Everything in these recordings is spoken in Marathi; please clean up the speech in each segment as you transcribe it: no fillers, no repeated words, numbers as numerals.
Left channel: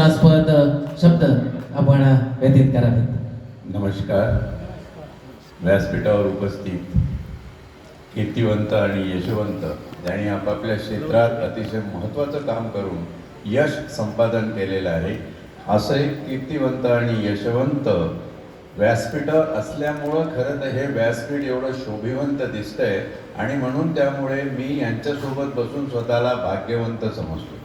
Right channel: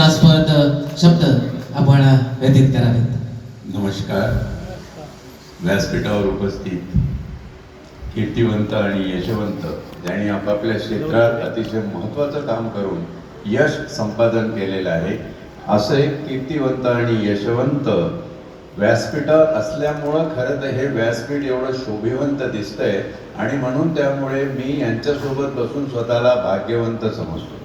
तास्पद शब्द आपण व्यतीत करावेत. नमस्कार. व्यासपीठावर उपस्थित कीर्तिवंत आणि यशवंत ज्यांनी आपापल्या क्षेत्रात अतिशय महत्त्वाचं काम करून यश संपादन केलेलं आहे, असं एक कीर्तिवंत आणि यशवंत व्यासपीठावर असल्यामुळं खरं तर हे व्यासपीठ एवढं शोभिवंत दिसतंय आणि म्हणून त्यामुळे मी यांच्यासोबत बसून स्वतःला भाग्यवंत समजतो.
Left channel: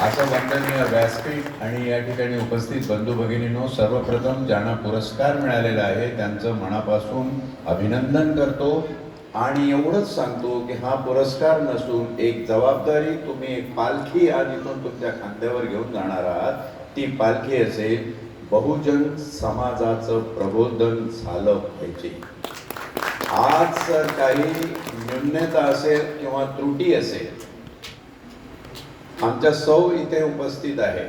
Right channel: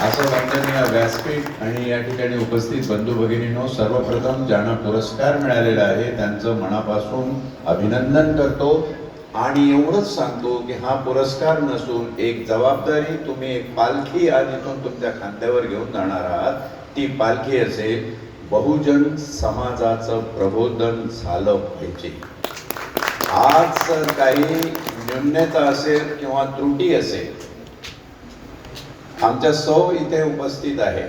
असं वाटतं या व्यासपीठ आणि या ठिकाणी उपस्थित बंधू भगिनींनो, सर्वप्रथम ज्यांना पुरस्कार मिळालेला आहे त्यांचं मनापासून अभिनंदन करतो आणि एवढंच सांगतो की हा पुरस्कार नसून एक जबाबदारी, तुम्ही एक पालखी आज इथून तुमच्या खांद्यावर घेऊन जाणार आहात. ती पालखी असेल बहुजन समाजाचं प्रबोधन झालं पाहिजे. आज काही न्यूनता असेल किंवा त्रुटी असेल, आमच्या सौ इथे उपस्थित आहे.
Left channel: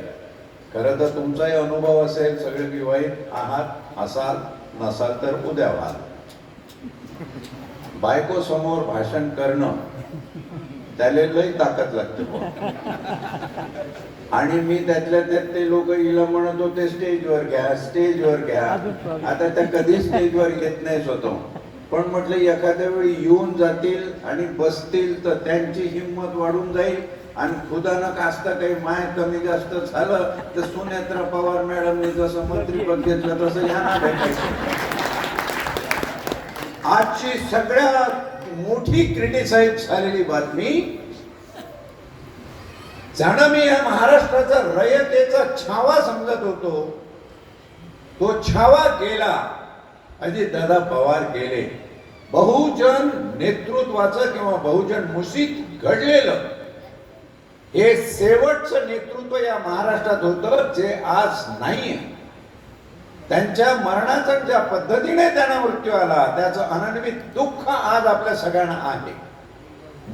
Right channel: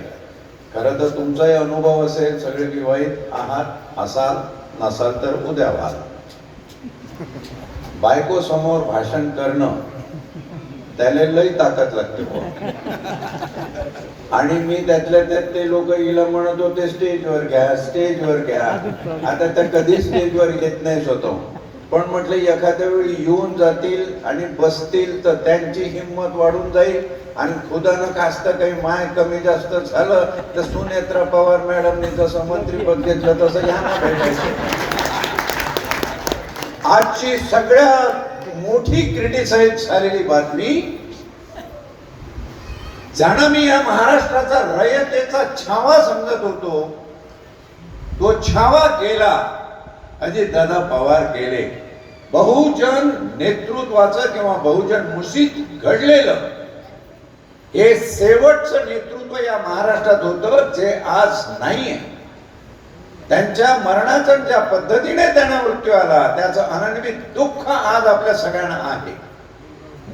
खरं तर तुमचाही अनुभव असेल, सगळे विवाहित आहात, असाल नसाल तर उद्या व्हाल. बायको समोर भाषण करणं त्याला लई ताकद लागते. आणि मी त्यातल्या त्यात ते लोक हिला म्हणत होते स्टेजवर घ्या, स्टेजवर घ्या. आता त्या कधी स्टेजवर घेत नाही स्वतः, पण म्हटलं एखाद्या वेळी येऊन जातील आणि बसतील तर त्यांची हिंमत वाढून जाईल आणि खुदानं कास्त काही माय कमी जास्त झालं तर सुनेत्रा पवार मॅडमने जसं मंत्रीपद घेतलं तसं यांना भेटायचं. आजची सगळ्यात मोठी क्रिटिसाइज झालेली बातमी, ज्यांना मी या महाराष्ट्राचा रयतेचा छावा समजत होतो तो छावा गेला. अजितदादा पवार गेले. बहुजन नेतृत्वाचं किंवा बहुजन मुसीत घडलेलं हे शेवटचं नेतृत्व या महाराष्ट्रात होतं जे आज नाहीये. त्यांच्या मरणाचं ज्या पद्धतीने त्यांना मृत्यू आला त्याचं अनन्वित दुःख आज आपल्या सगळ्यांना आहे.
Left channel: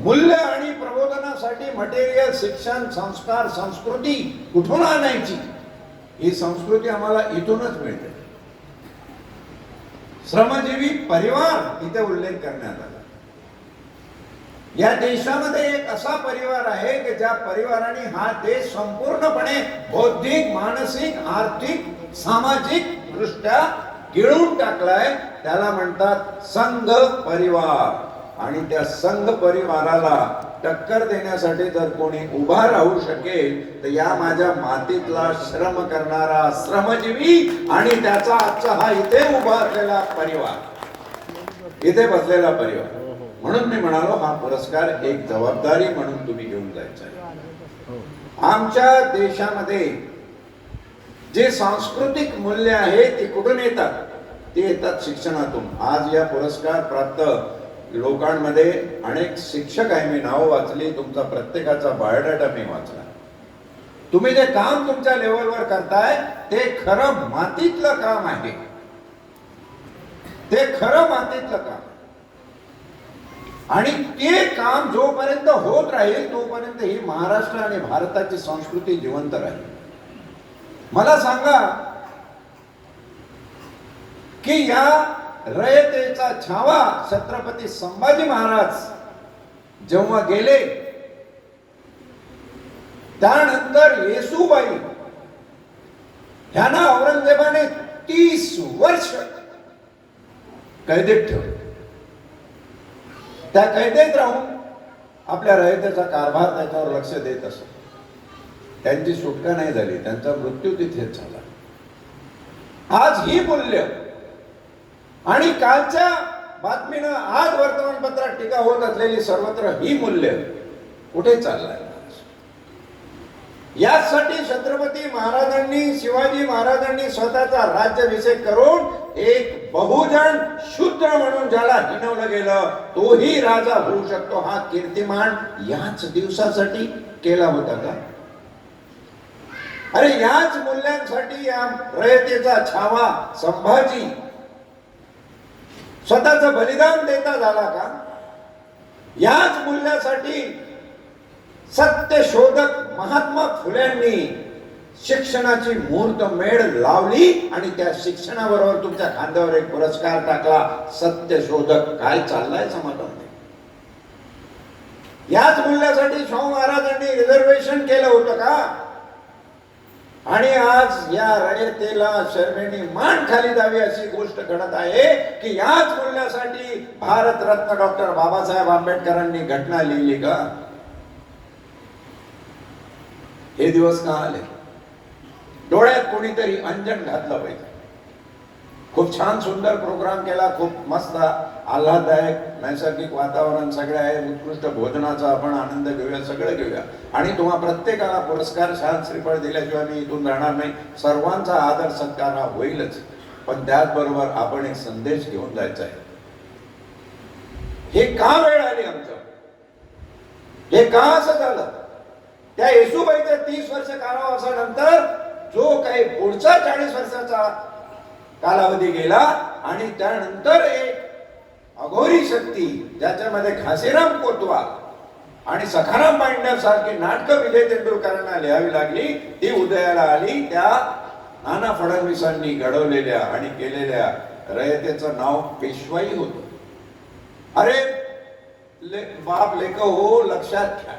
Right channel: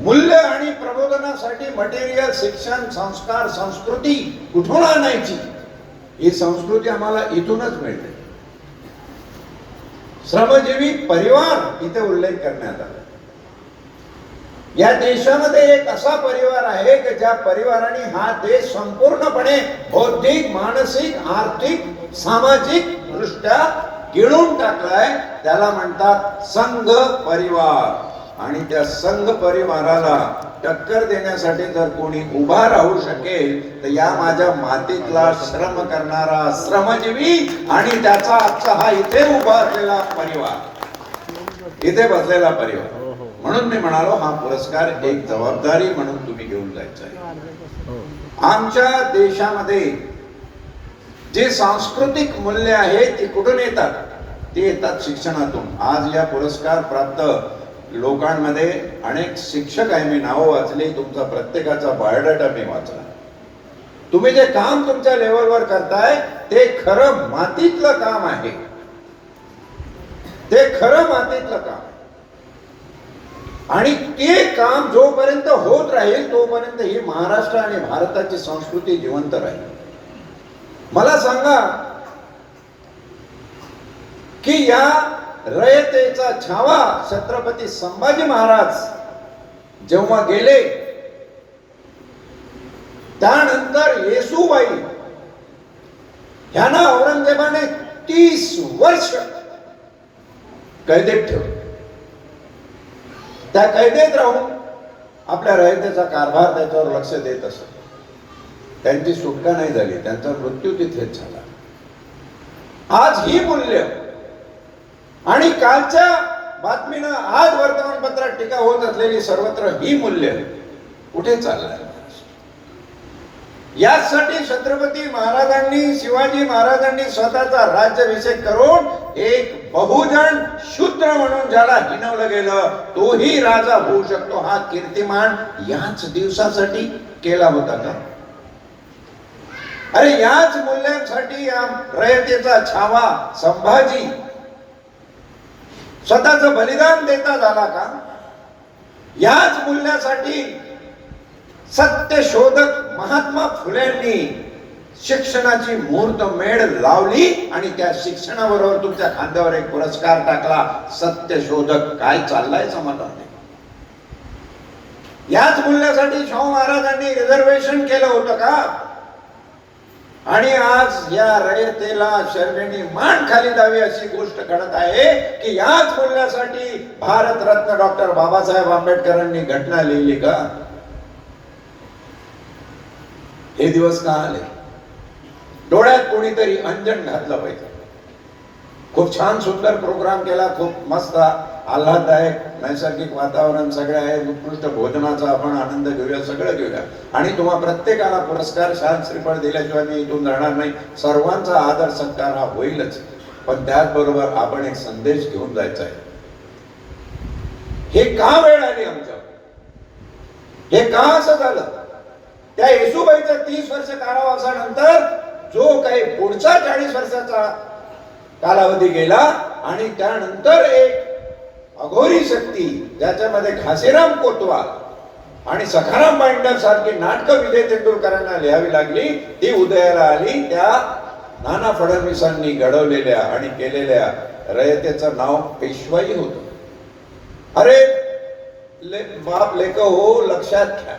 मूल्य आणि प्रबोधनासाठी मटेरियल, शिक्षण, संस्कार, संस्कृती कुठून आणायची? ही संस्कृती आम्हाला इथूनच मिळते. श्रमजीवी परिवार इथे उल्लेख करण्यात आला. या देशामध्ये एक असा परिवार आहे की ज्या परिवाराने हा देश संपूर्णपणे बौद्धिक, मानसिक, आर्थिक, सामाजिक दृष्ट्या गिळून टाकलाय. त्याला म्हणतात संघ परिवार. आणि त्या संघ परिवाराला टक्कर देण्यासाठी जर कोणी उभा राहू शकेल तर या माझ्या मातीतला श्रम करणारा श्रमजीवी आणि त्याचा आजचा हा इथे उभा असलेला परिवार, इथे बसलेला परिवार. म्हणून मी म्हणालो हा पुरस्कार एक जबाबदारी म्हणून तुम्ही घेऊन जायचा आहे. आमच्या देशामध्ये जे सांस्कृतिक मूल्य आहे ते कुठून येतात? ते येतात शिक्षणातून. आज या पुरस्कार प्राप्त लोकांमध्ये अनेक शिक्षक आहे. मी नावं वाचली, तुमचा प्रत्येकाचा बायोडाटा मी वाचला. तुम्ही जे काम तुमच्या लेवलवर करताय ते खरं मातीतलं काम आहे. ते खरं मातीतलं काम आणि ते काम जोपर्यंत होत राहील तोपर्यंत ही महाराष्ट्र आणि भारताची संस्कृती जिवंत राहील. मला सांगा की या रयतेचा छावा छत्रपती संभाजी महाराज जेव्हा गेले त्यानंतर येसूबाई ह्यांना औरंगजेबाने 30 वर्ष कैदेत ठेवले. त्या कैदेत राहून आपल्या रयतेचा कारभार त्याच्यावर लक्ष देत असत. त्यांची सुटका नाही झाली, त्यांचा मृत्यू तिथेच झाला. आज ही मूल्य आणि कालच्या बातमीनं आज वर्तमानपत्रात टीका होत असलेली सर्वत्र ही मूल्य कुठे चाललंय? यासाठी छत्रपती महाराजांनी, शिवाजी महाराजांनी स्वतःचा राज्याभिषेक करून एक बहुजन शूद्र म्हणून ज्याला हिणवलं गेलं तोही राजा होऊ शकतो हा कीर्तिमान याच दिवसासाठी केला होता का? अरे याच मूल्यांसाठी या रयतेचा छावा संभाजी स्वतःचं बलिदान देता झाला का? याच मूल्यासाठी सत्यशोधक महात्मा फुलेंनी शिक्षणाची मुहूर्तमेढ लावली आणि त्या शिक्षणाबरोबर तुमच्या खांद्यावर एक पुरस्कार टाकला. सत्यशोधक काय चाललाय समाजात? याच मूल्यासाठी शाहू महाराजांनी रिझर्वेशन केलं होतं का? आणि आज या रयतेला शर्मेने मान खाली द्यावी अशी गोष्ट घडत आहे की याच बोलण्यासाठी भारतरत्न डॉक्टर बाबासाहेब आंबेडकरांनी घटना लिहिली का? हे दिवस का आले? डोळ्यात कोणीतरी अंजन घातलं पाहिजे. खूप छान सुंदर प्रोग्राम केला, खूप मस्त आल्हाददायक नैसर्गिक वातावरण सगळं आहे, उत्कृष्ट भोजनाचा आपण आनंद घेऊया, सगळं घेऊया. आणि तुम्हा प्रत्येकाला पुरस्कार शाल श्रीफळ दिल्याशिवाय मी इथून जाणार नाही. सर्वांचा आदर सत्कार हा होईलच, पण त्याचबरोबर आपण एक संदेश घेऊन जायचा आहे. हे का वेळ आली आमच्यावर? हे का असं झालं? त्या येसूबाईच्या 30 वर्ष कारावासानंतर जो काही पुढचा 40 वर्षाचा कालावधी गेला आणि त्यानंतर एक अघोरी शक्ती ज्याच्यामध्ये घासीराम कोतवाल आणि सखाराम बाइंडर सारखी नाटकं विजय तेंडुलकरांना लिहावी लागली, ती उदयाला आली त्या नाना फडणवीसांनी घडवलेल्या आणि केलेल्या रयतेचं नाव पेशवाई होतं. अरे बाप लेक हो, लक्षात घ्या,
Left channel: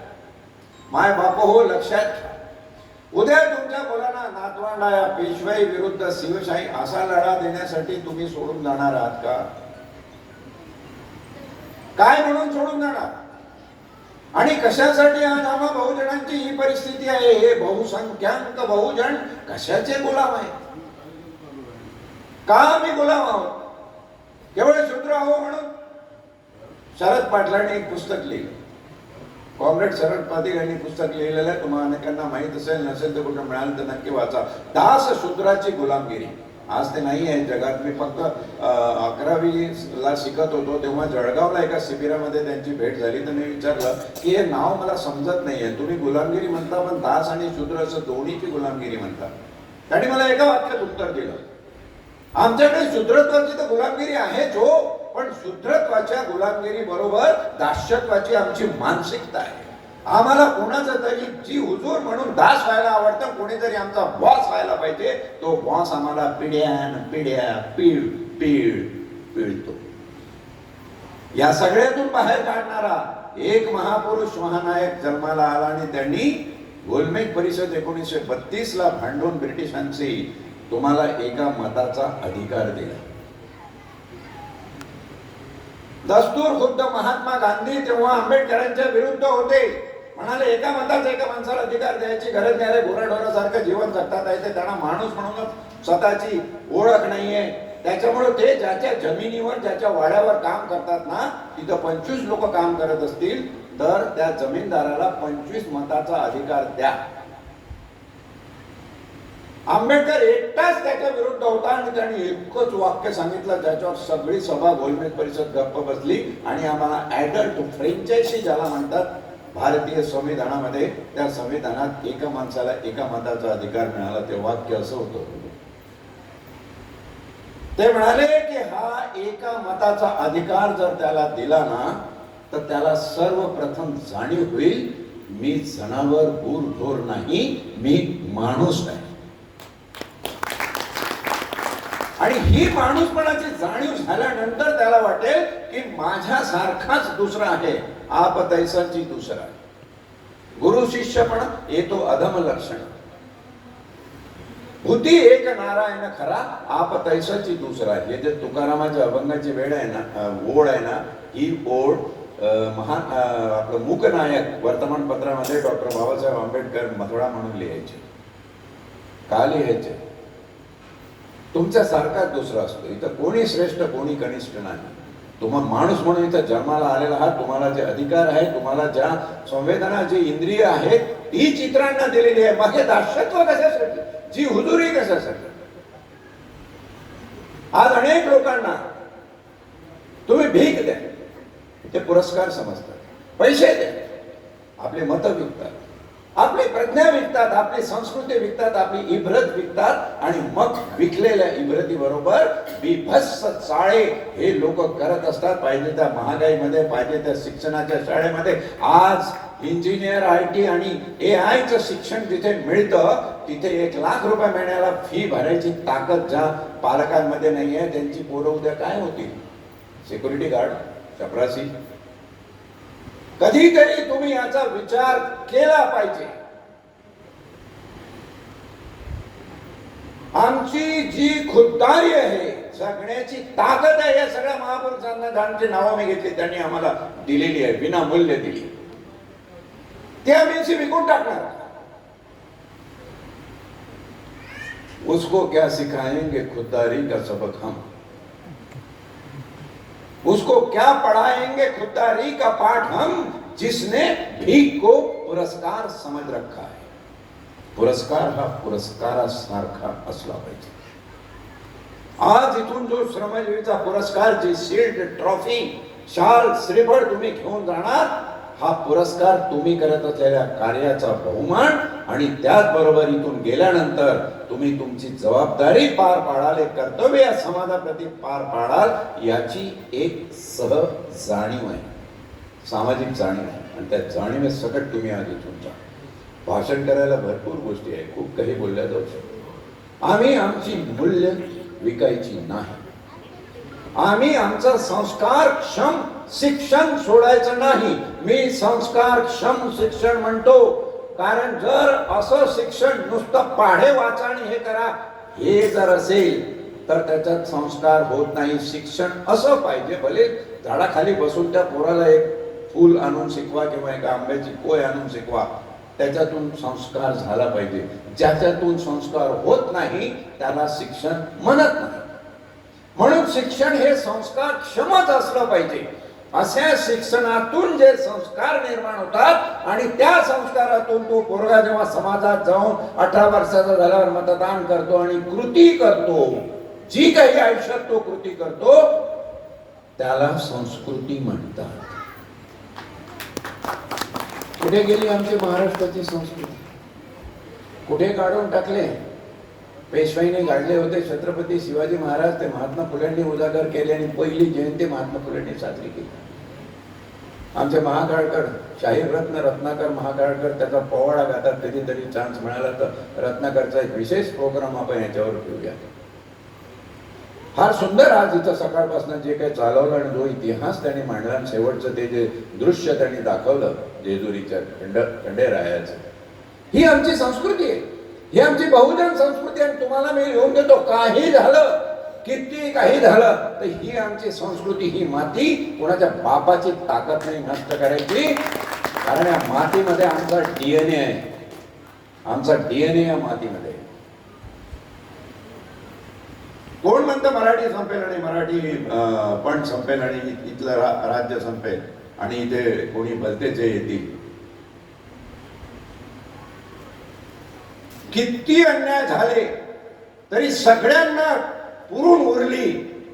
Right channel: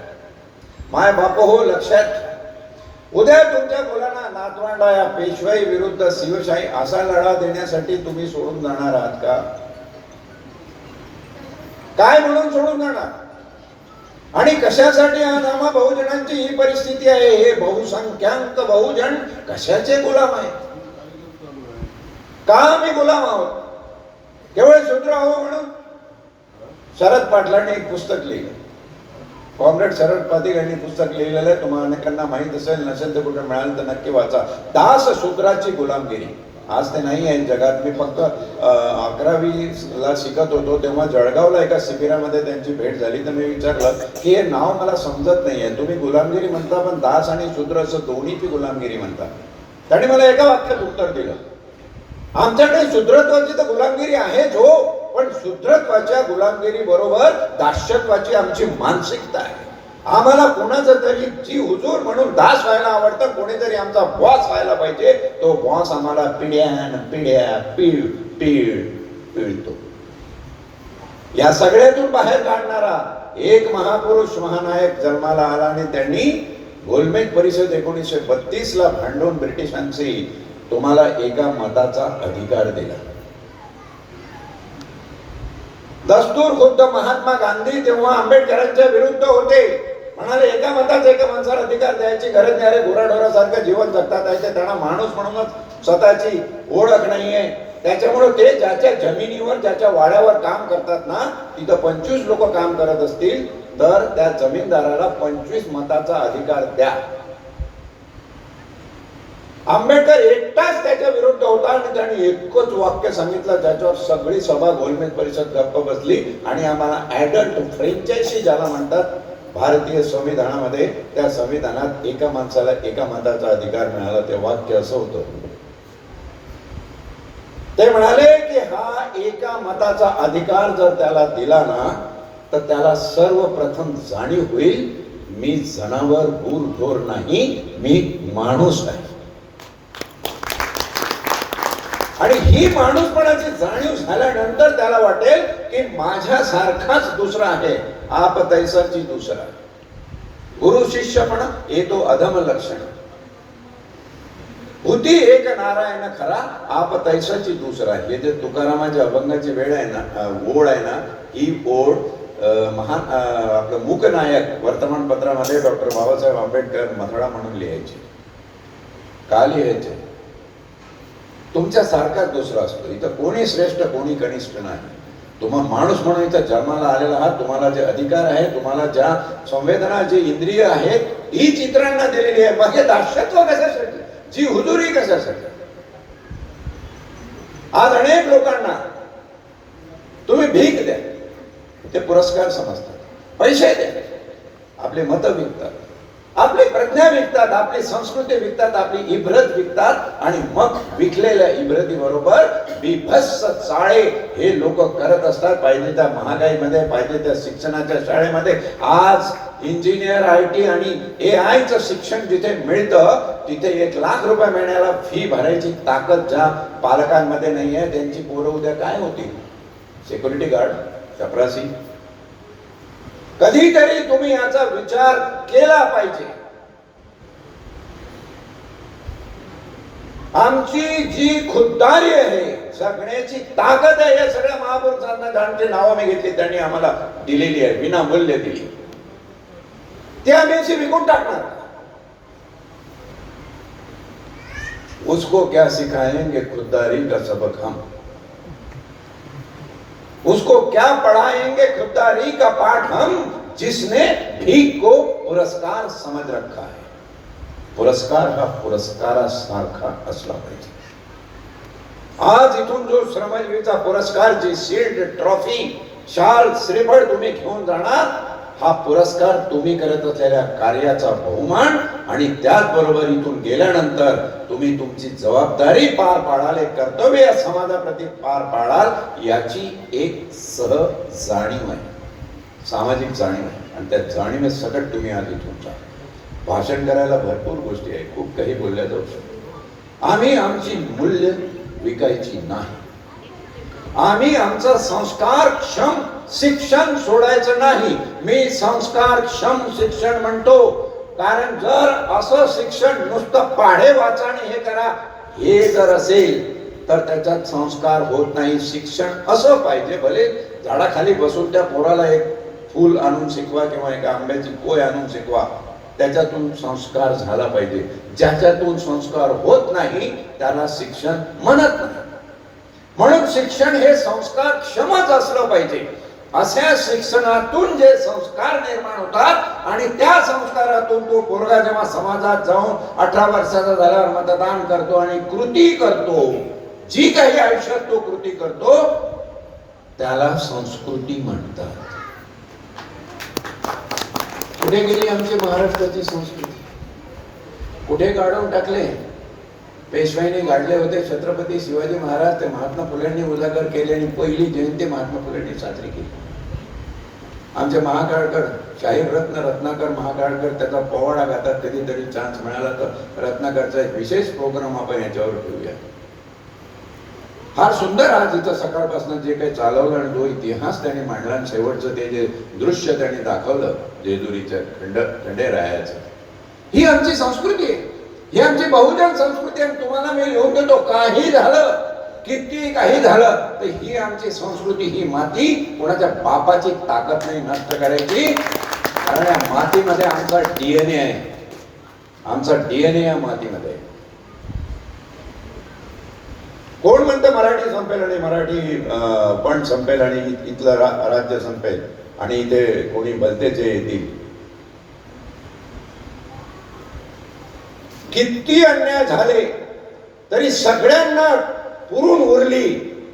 माय बाप हो, लक्षात घ्या. उद्या तुमच्या मुलांना नातवंडा या पेशवाई विरुद्ध शिवशाही असा लढा देण्यासाठी तुम्ही सोडून जाणार आहात का? काय म्हणून सोडून जाणार? आणि कशासाठी आज आम्हा बहुजनांची ही परिस्थिती आहे? हे बहुसंख्याक बहुजन कशाचे गुलाम आहे? का आम्ही गुलाम आहोत? केवळ शूद्र आहो म्हणून? शरद पाटलांनी एक पुस्तक लिहिलं, कॉम्रेड शरद पाटील यांनी पुस्तक लिहिलेलं आहे, तुम्हाला अनेकांना माहित असेल, नसेल तर कुठे मिळालं तर नक्की वाचा. दास शूद्राची गुलामगिरी. आज ते नाही आहे जगात. मी फक्त 11वीला शिकत होतो तेव्हा जळगावला एका शिबिरामध्ये त्यांची भेट झाली, तर मी विचारलं की हे नाव मला समजत नाहीये, तुम्ही गुलामगिरी म्हणता पण दास आणि शूद्र असं दोन्हीची गुलामगिरी म्हणता. त्यांनी मला एका वाक्यात उत्तर दिलं, आमच्याकडे शूद्रत्वाची तर गुलामगिरी आहेच हो, पण शूद्रत्वाच्या गुलामगिरी बरोबर दास्यत्वाची आमची मानसिकता आहे. आम्हाला कोणाचं तरी जी हुजूर म्हणून दास व्हायला आवडतं, कोणीतरी आमचा बॉस व्हायला पाहिजे. तो बॉस आम्हाला पिढ्यान पिढ्या पिळतो. या सगळ्यातून बाहेर काढणारा एक महापुरुष महानायक जन्माला आला आणि त्यांनी गोलमेज परिषद 1932 ला भांडून ब्रिटिशांशी तुम्हाला एका मताचा अधिकार दिला. दस्तूर खुद्द महात्मा गांधी तेव्हा आंबेडकरांच्या विरुद्ध होते, म्हणाले एका मताचा एका माणसाला अधिकार द्यायची गरज नाही रे, गुराढोरासारखं जीवन जगतात आहे ते, त्यांना माणूस म्हणूनच स्वतःची ओळख नाहीये. त्याच्यामुळे ते ज्याच्या जमिनीवर ज्याच्या वाड्यावर काम करतात ना, तिथं 25 लोक काम करत असतील तर त्या जमीनदाराला 25 मताचा अधिकार द्या. आंबेडकर एकटाच त्याच्या विरुद्ध होता आणि त्यांनी एकच वाक्य सांगितलं ज्याच्यावर सगळी सभा गोलमेज परिषद गप्प बसली. आणि आम्हाला ऍडल्ट फ्रँचायझी ज्याला म्हणतात भारतीय संविधानामध्ये, त्या संविधानात एका माणसाला एका मताचा अधिकार मिळाला. ते वाक्य असं होतं, ते म्हणाले की हा एका मताचा अधिकार जर त्याला दिला ना तर त्याला सर्वप्रथम जाणीव होईल मी जनावर गुरढोर नाही, मी माणूस आहे. आणि ही माणूसपणाची जाणीव झाल्यानंतर त्याला वाटेल की माझ्यासारखाच दुसरा आहे, आप तैसाची दुसरा. गुरु शिष्यपणा येतो अधम लक्षण. होती एक नारायण खरा, आप तैसाची दुसरा. हे जे तुकारामाच्या अभंगाची वेळ आहे ना, ओळ आहे ना, ही ओळ महान आपलं मूकनायक वर्तमानपत्रामध्ये डॉक्टर बाबासाहेब आंबेडकर मथळा म्हणून लिहायचे. का लिहायचे? तुमच्या सारखाच दुसरा असतो. इथं कोणी श्रेष्ठ कोणी कनिष्ठ नाही. तुम्हा माणूस म्हणून इथं जन्माला आलेला आहात. तुम्हाला जे अधिकार आहे, तुम्हाला ज्या संवेदना, जे इंद्रिय आहेत, ही चित्रांना दिलेली आहे. मग हे दास्यत्व कशासाठी, जी हुजुरी कशासाठी? आज अनेक लोकांना तुम्ही भीक द्या, ते पुरस्कार समजतात. पैसे द्या, आपले मत विकतात, आपली प्रज्ञा विकतात, आपली संस्कृती विकतात, आपली इब्रत विकतात. आणि मग विकलेल्या इब्रती बरोबर बिभत्स चाळे हे लोक करत असतात. पाहिजे त्या महागाईमध्ये, पाहिजे त्या शिक्षणाच्या शाळेमध्ये. आज इंजिनियर, IT आणि AI चं शिक्षण जिथे मिळतं तिथे 1 लाख रुपये महिन्याला फी भरायची ताकद ज्या पालकांमध्ये नाही आहे, त्यांची पोरं उद्या काय होतील? सिक्युरिटी गार्ड, चपरासी. कधीतरी तुम्ही याचा विचार केला पाहिजे. आमची जी खुद्दारी आहे, जगण्याची ताकद आहे, या सगळ्या महापुरुषांना ज्यांची नावं मी घेतली त्यांनी आम्हाला दिलेली आहे, विनामूल्य दिली, ती आम्ही अशी विकून टाकणार. उसको क्या सिखाएंगे खुददारी का सबक हम, उसको क्या पढ़ाएंगे खुददारी का पाठ हम, जिसने भीख को पुरस्कार समझ रखा है. पुरस्कार हा पुरस्कारासारखा असला पाहिजे. आज इथून जो श्रमजीवीचा पुरस्कार, जी शील्ड, ट्रॉफी, शाल, श्रीफळ तुम्ही घेऊन जाणार, हा पुरस्कार तुम्ही करत असलेल्या कार्याचा बहुमान, आणि त्याचबरोबर इथून गेल्यानंतर तुम्ही तुमची जबाबदारी पार पाडाल, कर्तव्य या समाजाप्रती पार पाडाल, याची एक सहज जाणीव आहे, सामाजिक जाणीव आहे. आणि त्या जाणीवे सकट तुम्ही आज इथून जा. भाषण करायला भरपूर गोष्टी आहे, खूप काही बोलल्या जाऊ शकतो. आम्ही आमची मूल्य विकायची नाही. आम्ही आमचा संस्कारक्षम शिक्षण सोडायचं नाही. मी संस्कारक्षम शिक्षण म्हणतो, कारण जर असं शिक्षण नुसतं पाढे वाचा आणि हे करा, हे जर असेल तर त्याच्यात संस्कार होत नाही. शिक्षण असं पाहिजे, भले झाडाखाली बसून त्या पोराला एक फूल आणून शिकवा किंवा एका आंब्याची पोय आणून शिकवा, त्याच्यातून संस्कार झाला पाहिजे. ज्याच्यातून संस्कार होत नाही त्याला शिक्षण म्हणत नाही. म्हणून शिक्षण हे संस्कार क्षमच असलं पाहिजे. अशा शिक्षणातून जे संस्कार निर्माण होतात आणि त्या संस्कारातून तो पोरगा जेव्हा समाजात जाऊन 18 वर्षाचा झाल्यावर मतदान करतो आणि कृती करतो, जी काही आयुष्यात तो कृती करतो, त्याला संस्कृती म्हणतात. कुठे गेली आमची महाराष्ट्राची संस्कृती? कुठे काढून टाकले? पेशवाईने गाडले होते छत्रपती शिवाजी महाराज, ते महात्मा फुलेंनी उजागर केले आणि पहिली जयंती महात्मा फुलेंनी साजरी केली. आमचे महाकाळकर, शाहीर रत्न रत्नाकर महाकाळकर त्याचा पोवाडा गातात. कधीतरी चान्स मिळाला तर रत्नाकरचा एक विशेष प्रोग्राम आपण याच्यावर ठेवूया. फार सुंदर आज इथं सकाळपासून जे काही चालवलं आणि जो इतिहास त्यांनी मांडला आणि शेवटचं ते जे दृश्य त्यांनी दाखवलं जेजुरीच्या खंडेरायाचं, ही आमची संस्कृती आहे, ही आमची बहुजन संस्कृती. आणि तुम्हाला मी लिहून देतो, काही झालं, किती काही झालं, तर ही आमची संस्कृती, ही माती कोणाच्या बापाची ताकद नाही नष्ट करायची. कारण या मातीमध्ये आमचा डीएनए आहे, आमचा डीएनए या मातीमध्ये. कोण म्हणतं मराठी संपेल आणि मराठी पण संपेल आणि इथलं राज्य संपेल आणि इथे कोणी भलतेचे येतील? किती अन्याय झाले तरी सगळ्यांना पुरून उरली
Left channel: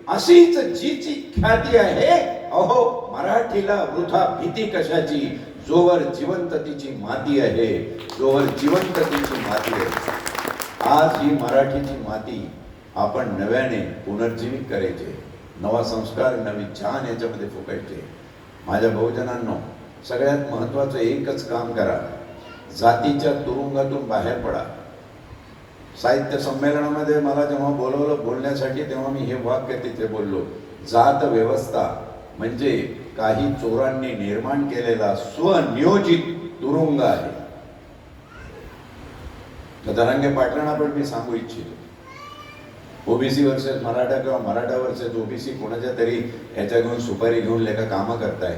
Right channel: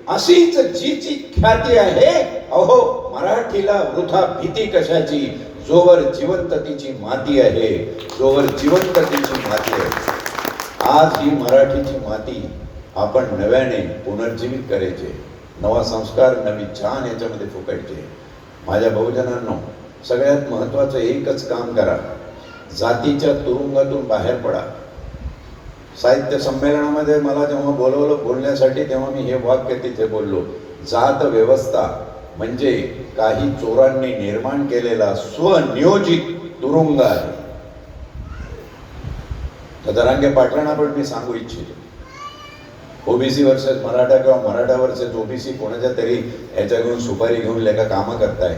अशीच जीची ख्याती आहे. अहो, मराठीला वृथा भीती कशाची, जोवर जिवंत तिची माती आहे, जोवर जिवंत तिची माती आहे. आज ही मराठीची माती आपण नव्याने पुनर्जीवित करायचे, नवा संस्कार, नवी छान याच्यामध्ये फुकायचे. माझ्या बहुजनांनो, सगळ्यात महत्वाचं एकच काम करा, जातीच्या तुरुंगातून बाहेर पडा. साहित्य संमेलनामध्ये मला जेव्हा बोलवलं बोलण्यासाठी, तेव्हा मी हे वाक्य तिथे बोललो, जात व्यवस्था म्हणजे काही चोरांनी निर्माण केलेला स्वनियोजित तुरुंग आहे. जरांगे पाटलांना पण मी सांगू इच्छितो, ओबीसी वर्सेस मराठा किंवा मराठा वर्सेस ओबीसी कोणाच्या तरी याच्या घेऊन सुपारी घेऊन लेखा कामं करताय.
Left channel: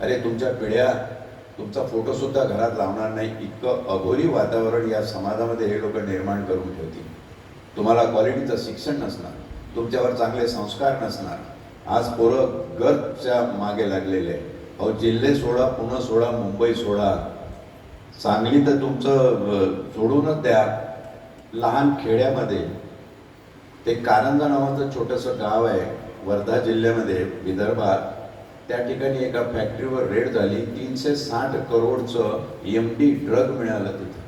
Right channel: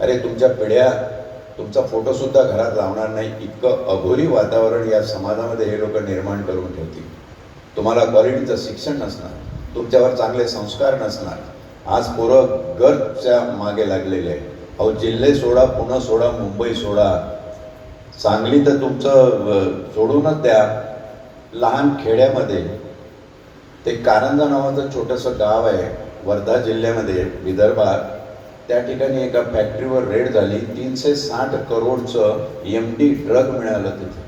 अरे, तुमच्या पिढ्या तुमचा फोटो सुद्धा घरात लावणार नाही, इतकं अघोरी वातावरण या समाजामध्ये हे लोक निर्माण करून ठेवतील. तुम्हाला क्वालिटीचं शिक्षण नसणार, तुमच्यावर चांगले संस्कार नसणार. आज पोरं गरजच्या मागे लागलेले आहे. अहो, जिल्हे सोडा, पुणे सोडा, मुंबई सोडा, सांगली तर तुमचं सोडूनच द्या. लहान खेड्यामध्ये ते कारंजा नावाचं छोटंसं गाव आहे वर्धा जिल्ह्यामध्ये, विदर्भात. त्या ठिकाणी एका फॅक्टरीवर रेड झाली, 360 करोडचं MD ड्रग मिळालं तिथे,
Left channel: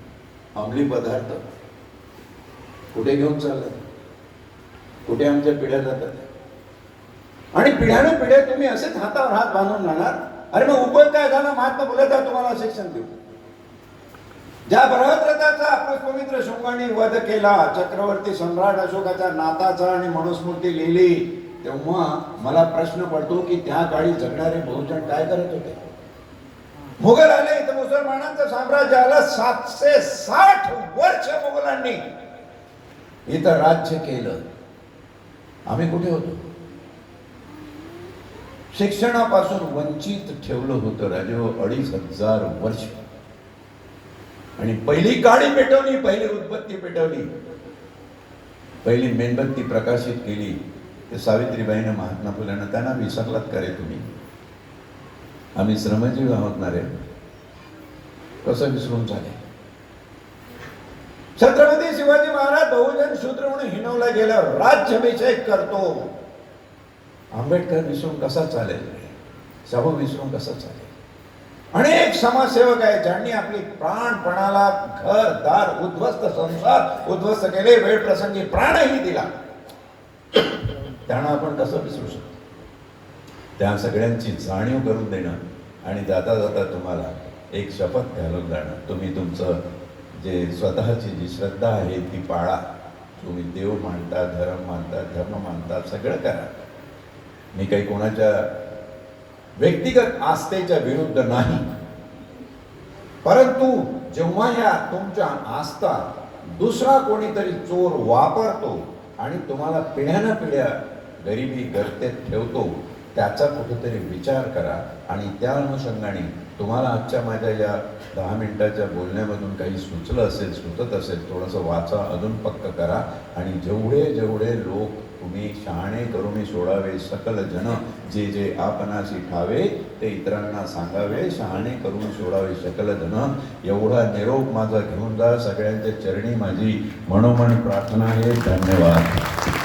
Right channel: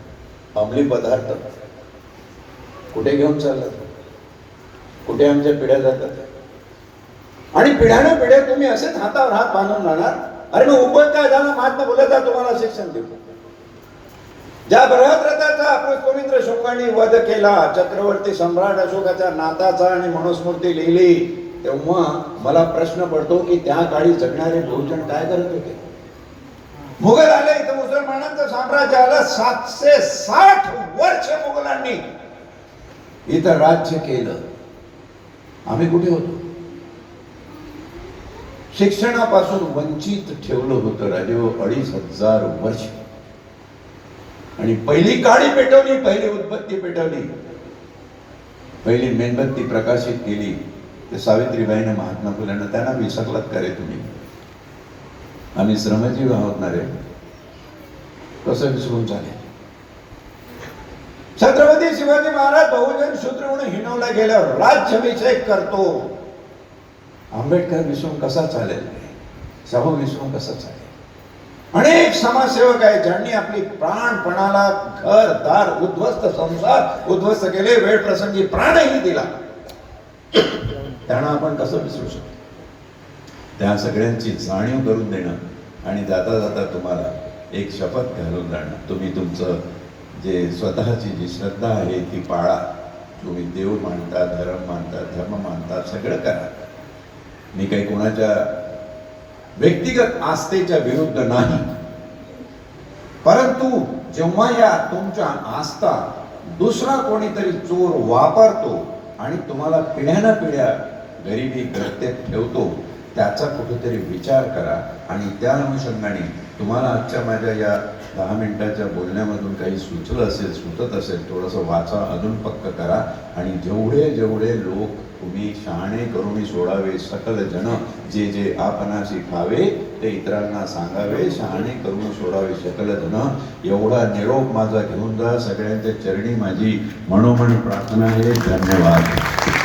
अंमली पदार्थ. कुठे घेऊन चाललं, कुठे आमच्या पिढ्या जातात? आणि पिढ्यानं पिढ्या तुम्ही असेच हातावर हात बांधून राहणार. अरे मग उभं काय झालं? महात्मा फुलेचा तुम्हाला शिक्षण देतो. ज्या बृहद्रथाचा पुष्पमित्र शुंगांनी वध केला, चक्रवर्ती सम्राट अशोकाच्या नाताचा आणि मनुस्मृती लिहिली, तेव्हा मला प्रश्न पडतो की त्या काळी जगणारे बहुजन काय करत होते? मुघल आले, तर मुसलमानांचं साम्राज्य आलं. 760 वर्ष मुघलांनी इथं राज्य केलं. आम्ही कुठे होतो? शिक्षणापासून वंचित ठेवलं होतं राजे 2500 वर्ष. आणि पहिली काळी पेटवली, पहिली उदबत्ती पेटवली, पहिली मेणबत्ती प्रकाशित केली ते सावित्रीबाईनं, महात्मा फुलेनं. त्यांना विसरलात का रे तुम्ही? आम्ही श्रमजीव आहोत ना रे, कसं विसरून झाले? छत्रपती शिवाजी महाराज बहुजन शूद्र म्हणून हिणवला गेल्यावर राज्याभिषेक करतो. आंबेडकर विसरून कसा चालेल? शाहू विसरून कसा चालेल? अनेक समाजसेवक आहेत ज्यांनी आपली प्राणपणाला, घर दार उद्ध्वस्त, संसार उद्ध्वस्त केले, वेळ प्रसंगी प्राणही दिला. त्यांना आपण कसं विसरू शकतो? त्या सगळ्यांची जाणीव करून देणं आणि जाता जाता तुम्हाला एक शपथ घालून जाणं. तुम्ही तुमचं जे स्वतःची जी श्रद्धा आहे ती पाळा. तुम्ही देव मानता, धर्म मानता, सगळं करा. मी काही कोणाच्या व्यक्तिगत आस्थेच्या विरुद्ध नाही, परंतु जेव्हा या तुमच्या आस्था दुसरा कोणीतरी चोर वापरतो आणि तुम्हाला पिढ्यानं पिढ्या गरिबी गर्तेत ठेवतो, त्याचा कुठेतरी विचार करा. आणि त्या अनुषंगाने तुम्हाला आजच्या माझ्या या 10 मिनिटाच्या बोलण्यामधून काही सुचलं असेल, सुचत असेल, थोडंसं वाचा, अजून पक्क करा. आणि जेवढे जेवढे लोक तुम्ही शहाणे करून सोडावे, सकल जन जे जे आपणाशी ठावे ते इतरांना सांगावे, शहाणे करून सोडावे सकल जन, एवढा निरोप माझा घेऊन जा. सगळ्यांच्या चरणी माझी मनोमन प्रार्थना आहे. धन्यवाद.